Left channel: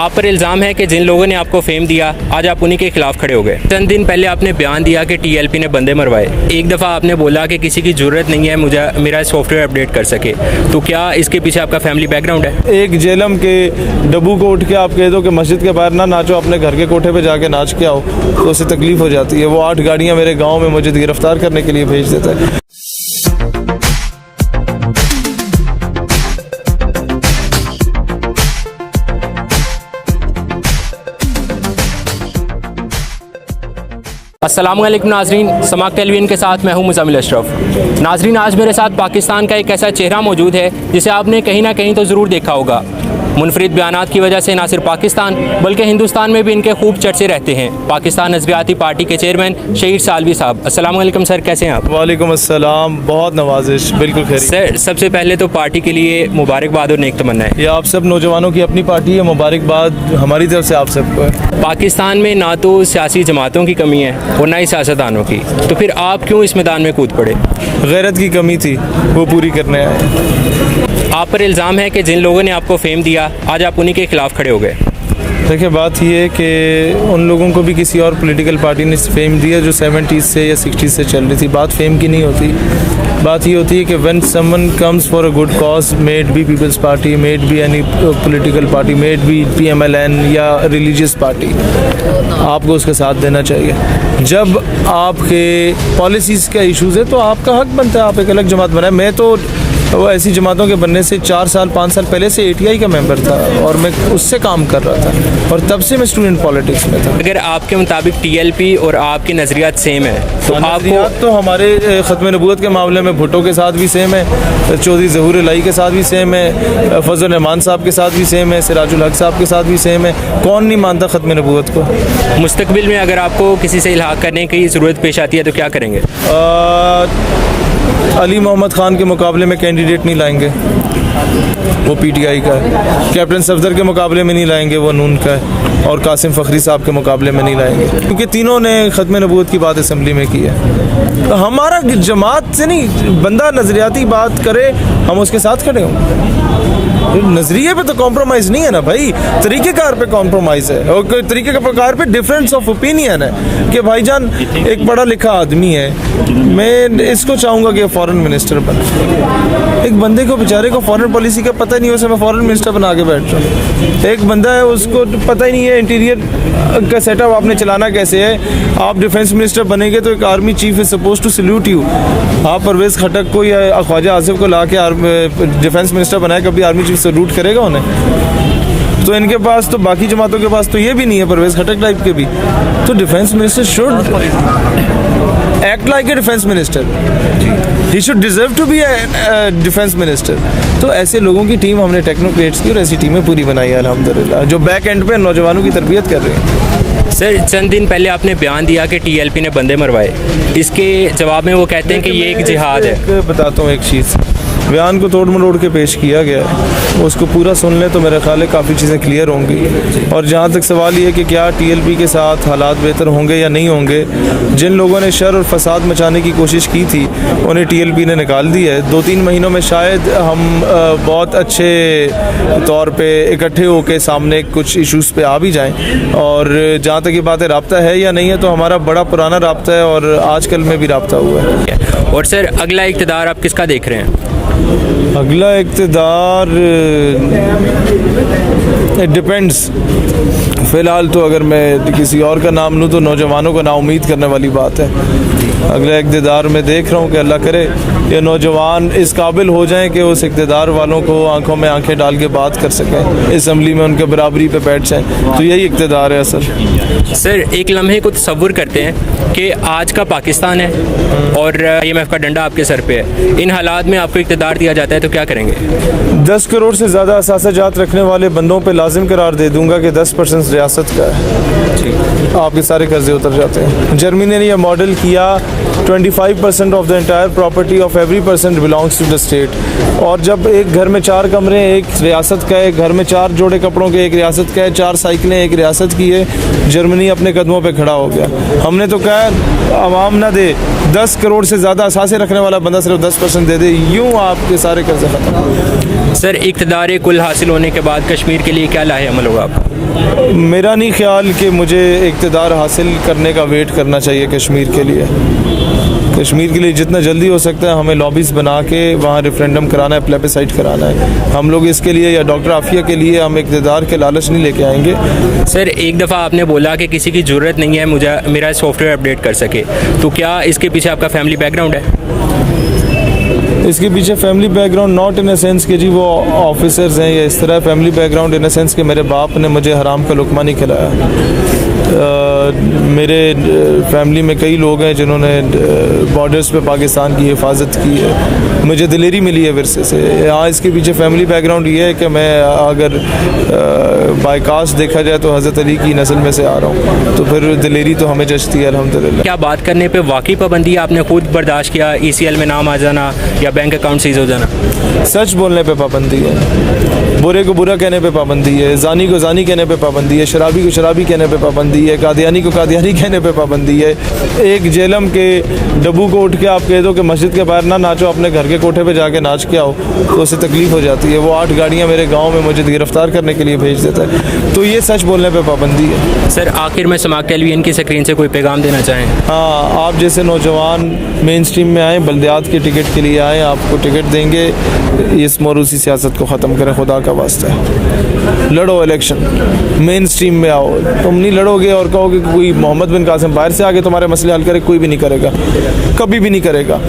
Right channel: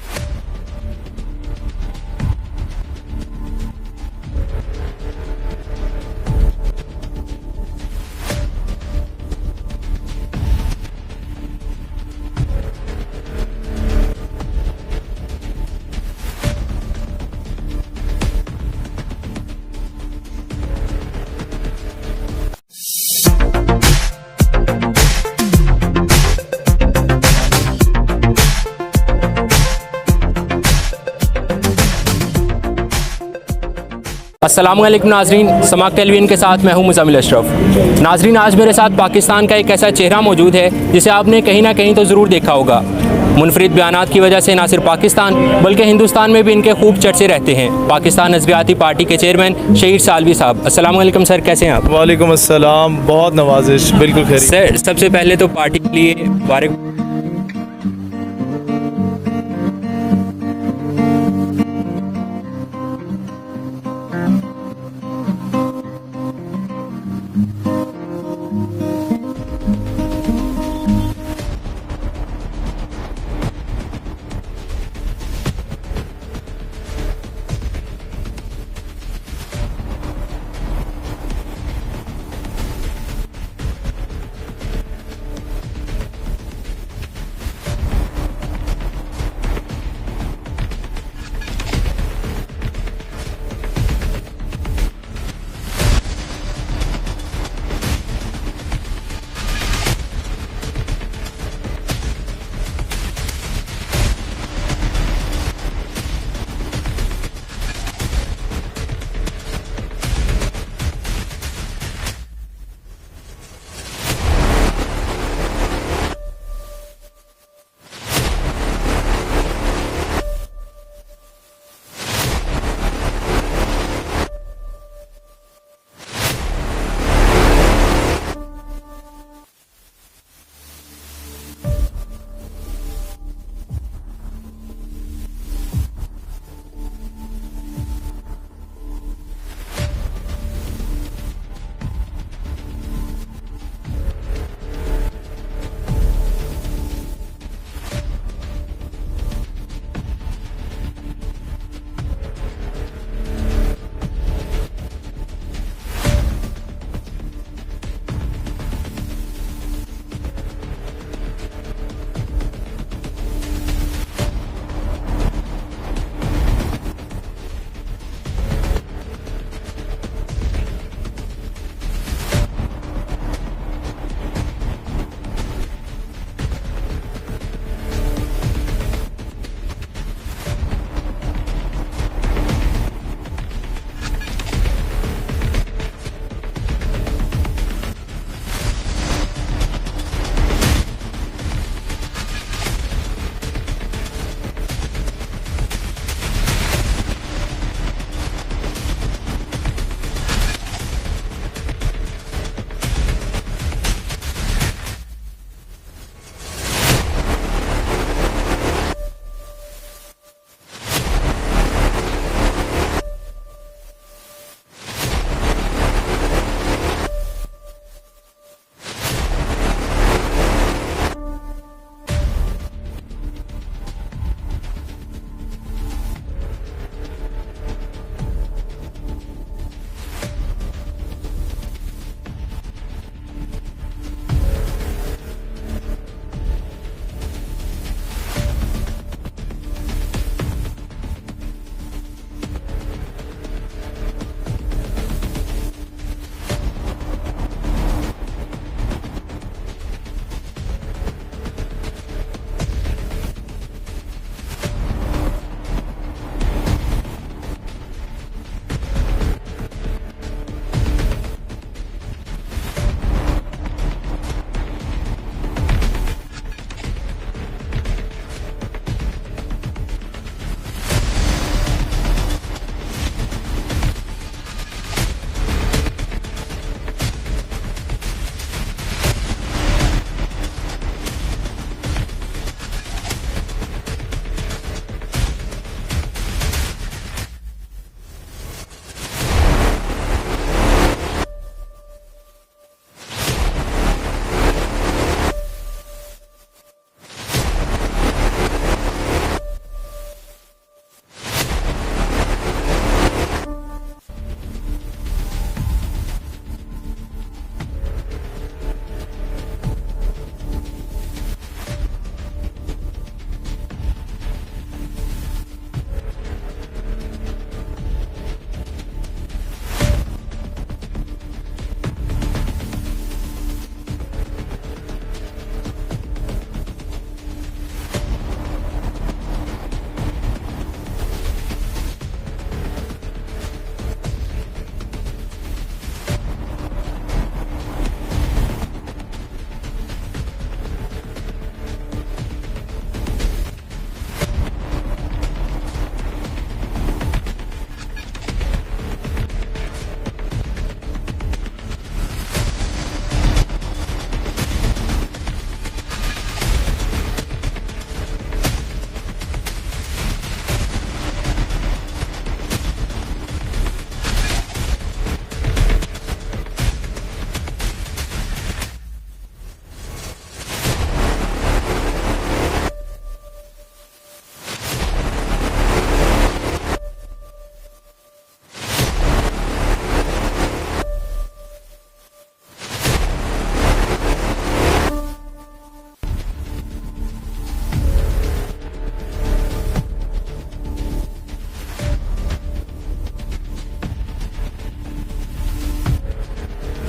आप पर इल्ज़ाम है कि जिन लोगों ने आपको फेम दिया आज आप उन्हीं के खिलाफ खड़े हो गए। चंद दिन पहले आपने बयान दिया कि टीएलपी ने बंदे मरवाए। एक दफ़ा आपने बोला कि किसी की ज़रूरत नहीं है मुझे मेरा सॉफ्टवेयर अपडेट कर सके। तो क्या इसके पीछे आपका फैमिली बैकग्राउंड है? एक जेलम के डब्बू को उठ के आप कह दो कि मस्जिद के बाहर ना नाचो, अपने घर के कोठे पे जाके नाच के आओ, तो उससे तकलीफ हो जाती है। वो 8 गाड़ियाँ मेरे गाँव में मुझे गिरफ्तार करने के लिए भेज देता है। अस्सलामुअलैकुम नाजरीन, समाक टेलीविजन के साथ मैं हूं मुज़म्मिल अशरफ। नाजरीन, आज मेरे साथ पाकिस्तान का एक ऐसा चेहरा मौजूद है जिसे आपने कहीं ना कहीं तो ज़रूर देखा होगा। मुनफरिद बयानात की वजह से ना सिर्फ पाकिस्तान बल्कि हिंदुस्तान में भी इनके खूब चर्चे रहते हैं। पाकिस्तान नज़रियाती पार्टी के चेयरमैन शहीद सालवी साहब, अस्सलामुअलैकुम सर, कैसे हैं आप? वालेकुम अस्सलाम, बहुत नवाजिश, बिल्कुल खैर। सर, सबसे पहले तो पार्टी के लिए मुबारकबाद और नेक तमन्ना है। ये आप सब नौजवानों की अपनी पार्टी है, मुबारकबाद हमारी तरफ से आप सबको है। पाकिस्तान में ना तो सियासी जमातों की कमी है और ना ही सियासतदानों की, तो फिर आप क्यों इस मैदान में कूद पड़े? गैरत की कमी थी, वो पूरी करने आए। आप पर इल्ज़ाम है कि जिन लोगों ने आपको फेम दिया आज आप उन्हीं के खिलाफ खड़े हो गए। देखिए, बात ये है कि उन लोगों को भी किसी और पॉलिटिकल पार्टी ने फेम दिया जो 70s से या 60s से चल रही थी। बात फेम की नहीं होती, बात ये होती है कि when someone comes for a good cause, may it be peoples party, may it be any political party, may it be PMLN या रिलीजियस पार्टी, आपको उसका साथ देना चाहिए। जब आपके पॉलिसीज़ का इशूज़ है तो आपका हक बनता है आप एक अलग जमात बनाए। मैं तो वो ऐसी जमातों के बनने से 4 साल 5 साल पहले से ATI का मेंबर था और मैं उससे काम कर रहा था और तब से मैं स्टूडेंट पॉलिटिक्स में था। अगर आपके मुताबिक TLP और आपकी नज़रियात सेम है तो आपको तो हमारे ख़त्म नबूवत के मामले में भुट्टो के साथ भी सेम है, चौधरी ज़हूर इलाही के साथ भी सेम है, फजल रहमान साहब के साथ भी सेम है, सिराजुल हक साहब के साथ भी सेम है। कौन नहीं मानता ख़त्म नबूवत को? मुस्तकबिल में अगर आपको किसी से इल्हाक करने की ज़रूरत पेश आती है तो क्या करेंगे? अली मोहम्मद ख़ान के मुकाबले में कैंडिडेट नहीं लाएंगे, वो PTI का है। कैप्टन सफदर के मुकाबले में नहीं लाएंगे, वो नून का है। और कासिम फ़खरी साहब के मुकाबले में नहीं लाएंगे, क्योंकि तीनों ने ख़त्म नबूवत की बात असेंबली में की है। तो हमारा जमात से नहीं, बंदा नज़रियाती बात करे हम उसके साथ खड़े हों। नजरिए पे तो कॉम्प्रोमाइज़ नहीं है ना भाई, तरीक़ेकार पे कॉम्प्रोमाइज़ है और तरीके कार पे डिफरेंस ऑफ ओपिनियन है कि भाईजान एक पढ़ा लिखा आदमी है, मैं इसको चाहूँगा कि फ़ॉरेन मिनिस्टर बने। एक बंदे को बेचारे को फ़ॉरेन पॉलिसी का पता ही नहीं, उसे मैं फ़ॉरेन मिनिस्टर बना के बैठ रहा हूँ। एक बंदा है उसको पता ही नहीं है इंटीरियर का सेटअप आपने चलाना कैसे है। आप डिफेंस मिनिस्टर बनेंगे तो एक army chief is suppose to salute you. आप परवेज़ खटक को या ख्वाजा आसिफ को ला के डिफेंस मिनिस्टर बनाए, कभी आर्मी चीफ सल्यूट करेगा उन्हें? तो इनके पास तो, बाकी जमातों के पास तो ये भी नहीं है, परवेज़ खटक टाइप के भी। तो defence minister should act like a defence minister, he should deserve to be a defence minister. तो ऐसे लोगों की टीम हमने टेक्नोक्रेट्स की और ऐसी टीमें पूरी बनाई है अल्हम्दुलिल्लाह, जो बैक एंड पे नौजवानों की तरबियत कर रहे हैं। सर, चंद दिन पहले आपने बयान दिया कि TLP ने बंदे मरवाए। इसके जवाब में वो कहते हैं कि ये एक जिहाद है। बताता हूँ एक चीज़, बयान को तोड़ मरोड़ के पेश किया गया है, उसको पूरा सुन लें तो मेरा ख्याल है काफ़ी चीज़ें क्लियर होंगी। और जहाँ तक सवाल ये है कि क्या TLP के साथ हालात बेहतर होंगे या नहीं होंगे, जिन लोगों ने शर और फसाद मचाने की कोशिश की थी उन्हें TLP ने निकाल दिया है। 2-3 महीनों में शायद हम बहुत अच्छे तौर पे इकट्ठे होकर सामने कुछ इशूज़ पे आ भी जाएँ। और जहाँ तक ये बात है राब्ता है या नहीं है, तो हमारा बड़ा पुराना राब्ता है और आजकल में भी राब्ता हुआ है। और सर, अगला इक़्तिदार आप किसका देख रहे हैं? अगला इक़्तिदार इट डिपेंड्स। फ़िलहाल तो अगर मैं किसी और का नाम लूँ तो नौजवानों को नाउम्मीद करने वाली बात है। अगला इक़्तिदार मैं देख रहा हूँ कि अल्लाह करे ये नौजवान इस काबिल हो जाएं कि उस इक़्तिदार वालों को आंखों में आंखें डाल के बात कर सकें, असम्बली में उनके बराबरी पे बैठ जाएं। तो यही इक़्तिदार है असल। सर, एक लम्हे को तसव्वुर करते हैं कि आज का पाकिस्तान है और IMF का डंडा आपके सर पे है। इन हालात में आपको इक़्तिदार दिया जाता है तो क्या करेंगे? 10 करोड़ से ज़्यादा असासाजात रखने वाले बंदों पे लाजिम करार दे दूंगा कि 10% रियासत का है, आपके सारे कर्जे उतर जाते हैं। जर्मनी ने यह मॉडल किया, 25% of the entire property of every person belongs to the state. और जब एक घर में 4 कमरे एक रियासत का है, एक घर में 4 जोड़े कपड़ों के एक रियासत का है, 4 साइकिलें एक रियासत की है, जर्मनी अपने कदमों पे खड़ा हो गया। हमने तो कहा आवाम ना दे, 10 करोड़ से ज़्यादा असासे रखने वाला बंदा सिर्फ 10% दे दे, यूँ आपके सारे कर्जे खत्म। सर इक़्तिदार कुल हासिल होने के बाद कश्मीर के लिए क्या लाहेअमल होगा आपका? मेरा नहीं ख्याल कि मुझे इक़्तिदार हासिल करने का वेट करना चाहिए कश्मीर के लिए। कश्मीर के लिए जितना जल्दी हो सकता है हमें लॉबीज़ बना के वहाँ रेफरेंडम कराना है, प्लेबिसाइट कराना है। हम लोग इसके लिए या डॉक्टर आफिया के लिए हम इक़्तिदार के लालच नहीं लेके आएंगे। सर एक दफ़ा आपने बोला कि किसी की ज़रूरत नहीं है मुझे मेरा सॉफ्टवेयर अपडेट कर सके, तो क्या इसके पीछे आपका फैमिली बैकग्राउंड है? इसके पीछे family background not in a sense कि जी वो ऑफिसर्स हैं या इस तरह, family background in a sense कि मेरे बाप ने मुझे हराम का लुकमा नहीं खिलाया। मेरे फैमिली में कई लोग हैं जिन्होंने बॉर्डर्स पे पाकिस्तान की हिफाजत की है, मुझे दिलेरी मिली है विरसे से। हाँ, इसके पीछे फैमिली बैकग्राउंड ये है कि मैं अगर बायकास्ट देखा जाए तो हज़रत अली की नस्ल में से आ रहा हूँ, तो फिर दिलेरी तो हमें जचती है अल्हम्दुलिल्लाह। क्या बात करने पे वाकई पाबंदी आपने खुद बर्दाश्त किया, ECL में नाम आ जाना या बैंक अकाउंट सीज हो जाना? सच बोलने पे पाबंदी है, बुरे को बुरा कहने पे पाबंदी है, जानी को जानी कहने पे पाबंदी है, शराबी को शराबी कहने पे पाबंदी है, कादियानी को कादियानी कहने पे पाबंदी है। एक जेलम के डब्बू को उठ के आप कह दो कि मस्जिद के बाहर ना नाचो, अपने घर के कोठे पे जाके नाच के आओ, तो उससे तकलीफ़ हो जाती है। वो 8 गाड़ियाँ मेरे गाँव में मुझे गिरफ्तार करने के लिए भेज देता है, तो ये सच बोलने पर पाबंदी है। सर आखिर में समाक टेलीविजन की स्क्रीन से कोई पैगाम देना चाहें? हाँ, आप जैसे नौजवान मेन स्ट्रीम में आएँ, बल्दियात के टिकट के लिए आएँ, आपको टिकट देंगे। इस मोरूसी सियासत को ख़त्म करें, खुदा का वास्ता है। लड़ो इलेक्शन, मेन स्ट्रीम में आओ। तुम नहीं लड़ोगे और कहोगे कि कोई मोहम्मद बिन कासिम बाहर से आके तुम्हारे मसले हल करे, कोई भी नहीं करेगा, कभी भी नहीं करेगा।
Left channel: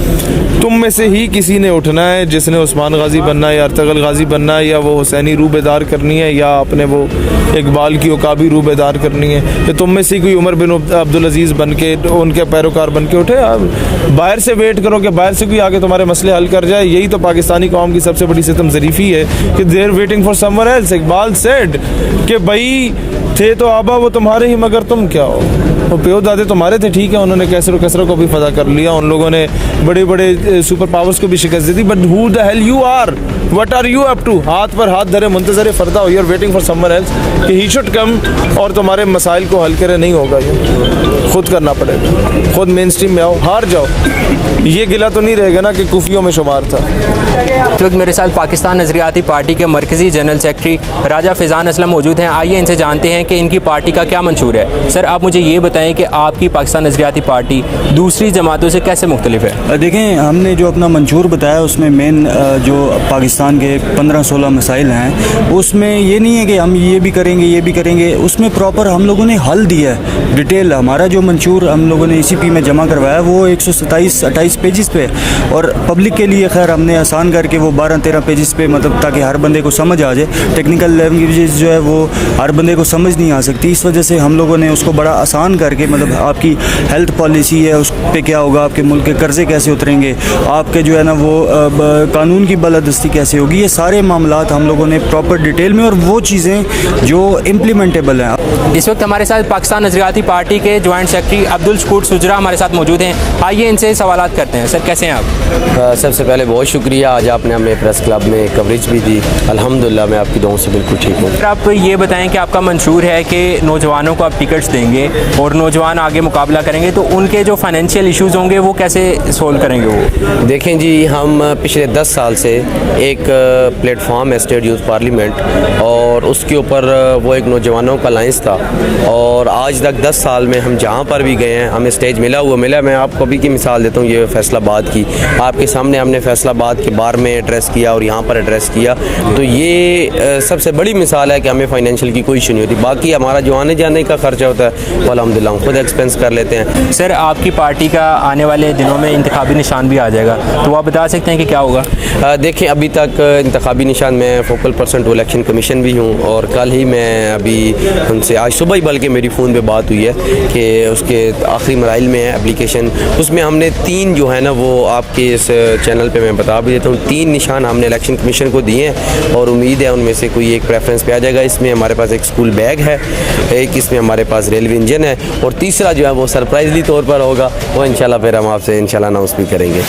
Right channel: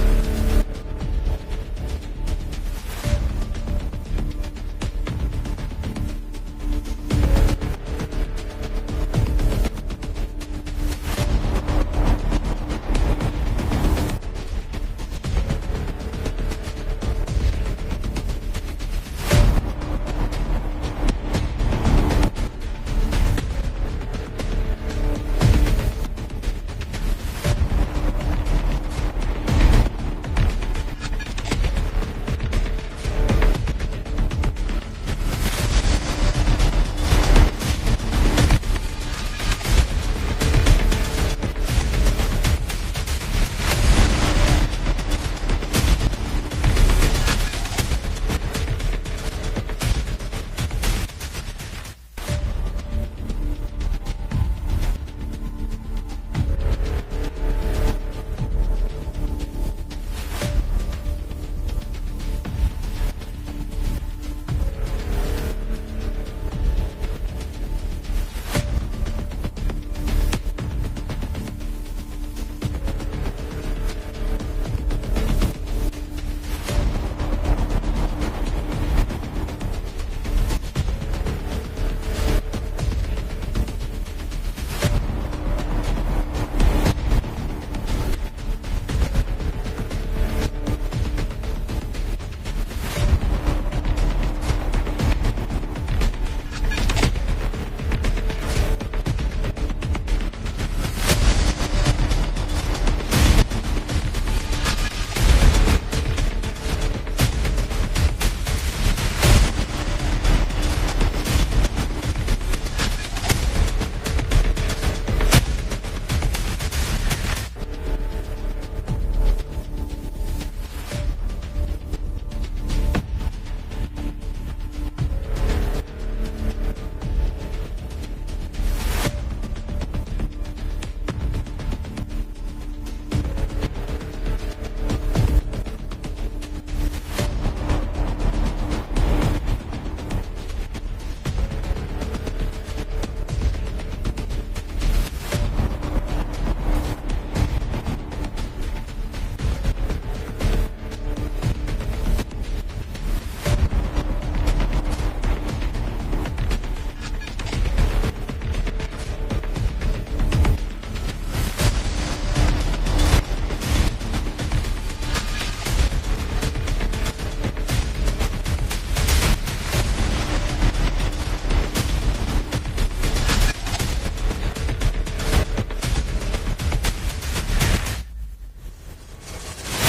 तुम में से ही किसी ने उठना है जिसने उस्मान गाजी बनना है या अर्तगल गाजी बनना है, या वो हुसैनी रूबेदार करनी है, या अपने वो इकबाल की उकाबी रूबेदार करनी है, तो तुम में से कोई उमर बिन अब्दुल अजीज़ बन के उनके पैरोकार बन के उठे। बाहर से वेट करो कि बाहर से कोई आके तुम्हारे मसले हल कर जाए। यही तो पाकिस्तानी कौम की सबसे बड़ी सितम ज़रीफ़ी है कि they're waiting for someone else. Iqbal said कि भाई थे तो आबा वो तुम्हारे ही, मगर तुम क्या हो। वो प्यो दादे तुम्हारे थे, ठीक है, उन्होंने कैसर कसरों को भी फदा कर लिया, उन लोगों ने बड़े बड़े सुपर पावर्स को भी शिकस्त दी थी, but who the hell you are, what are you up to? हाथ पर हाथ धरे मुंतज़र फरदा हो, you are waiting for someone else कि ही शुड कम और तुम्हारे मसाइल को हल करे। नहीं होगा, ये खुद करना पड़ेगा। खुद मेन स्ट्रीम में आओ, हार जाओ, ये गिला तो नहीं रहेगा ना कि कुफियों में शुमार था। इस वक्त मेरे साथ पाकिस्तान नज़रियाती पार्टी के मरकज़ी जनरल सेक्रेटरी राजा फ़ैज़ान असलम मौजूद हैं। आइए इनसे जानते हैं कि इनकी पार्टी का क्या मंशूर है। सर आप मुझे ये बताएं कि आपकी पाकिस्तान नज़रियाती पार्टी दूसरी जमातों से कैसे मुख्तलिफ है? देखें, हमने जो अपना मंशूर बताया उसमें मेन जो पाकिस्तान के 15-16 मसाइल हैं, उसमें ये नहीं है कि हम ये भी करेंगे ये भी करेंगे, उसमें प्रॉपर हम लोगों ने हल दिया है डिटेल। हमारा जो मंशूर हम लोगों ने ECP में जमा करवाया वो 127-28 पेजेस पे, और पब्लिक के लिए खैर हमने आसान करके वो 12-13 पेजेस पे, मतलब ताकि हर बंदे को समझ आ जाए। टेक्निकल लैंग्वेजेस जो है वो हर बंदे को समझ नहीं आ सकती, इस वजह से हम लोगों ने उसको बड़ा आसान करके, मतलब आपकी हेल्थ पॉलिसी है उस पर क्या होगा, आपके मुल्क के कर्जे कैसे उतरेंगे, आपके जो है ना वो कानून की बालादस्ती कैसे होगी, ये सारे मामलात हम लोगों ने प्रॉपर डिटेल में, और वो चीज़ें जो इम्प्लीमेंटेबल हैं। इस वक्त हमारे साथ पाकिस्तान नज़रियाती पार्टी के जॉइंट सेक्रेटरी अब्दुल शकूर सुजरा हमारे साथ मौजूद हैं। आइए इनसे सवालात करते हैं। सर कैसे हैं आप? सबसे पहले बहुत शुक्रिया, आज आपने हमें प्रेस क्लब में कवरेज भी दी, अल्हम्दुलिल्लाह मैं आपकी दुआओं से बिल्कुल ठीक हूँ। सर आप ये बताएं कि आपका मंशूर है कि नौजवानों को आप टिकट्स देंगे और नौजवान आगे मुकाबला करेंगे, तो उनके जो फाइनेंशियल इशूज़ होंगे वो कैसे सोल्व करेंगे? वो देखें जी, हम पिछले 10 साल से एक प्लेटफॉर्म है स्टेट यूथ पार्लियामेंट, और उसके ऊपर वो एक नौजवानों का लाइंस था, और आज तक 10 साल में हम जहाँ पर भी गए हैं हमें स्टेज मिला। मैं आपको अभी की मिसाल देता हूँ, ये फैसलाबाद की, आपके सामने हमने फैसलाबाद के बार में एड्रेस किया और यहाँ पर एड्रेस किया, तो ये सबसे बड़ी मिसाल है कि हमें फाइनेंशियल की कोई इशू नहीं होती। बाकी हमारा जो आने जाने का खर्चा होता है वो अल्हम्दुलिल्लाह खुद एक्सपेंस कर लेते हैं। सर आपकी पार्टी का आने वाले दिनों में इंतखाबी निशान भी आ जाएगा, तो आप बता सकते हैं कि क्या होगा? देखें, अभी तक इंतखाबी निशान में focal person to election commission भी हूँ, और कल ही मैं अभी उनसे, आज सुबह ही बल्कि मेरी फ़ोन पे बात हुई है कि उसके आखिरी मराइल में है एप्लीकेशन। उसमें हमने 3 जो है ना वो आपके इस चैनल पे मैं बता भी देता हूँ, 3 निशान हमने इलेक्शन कमीशन को दिए हैं, और उम्मीद है उनमें से कोई एक प्रेफरेंस पे आ जाएगा। इसमें हमारे पास एक स्कूल बैग है, एक इसमें हमारे पास रेलवे इंजन है, और तीसरा जो है वो सरप्राइजली तौर पर होगा, वो इंशाल्लाह फिर हम आपसे इंशाल्लाह अनाउंस भी करेंगे।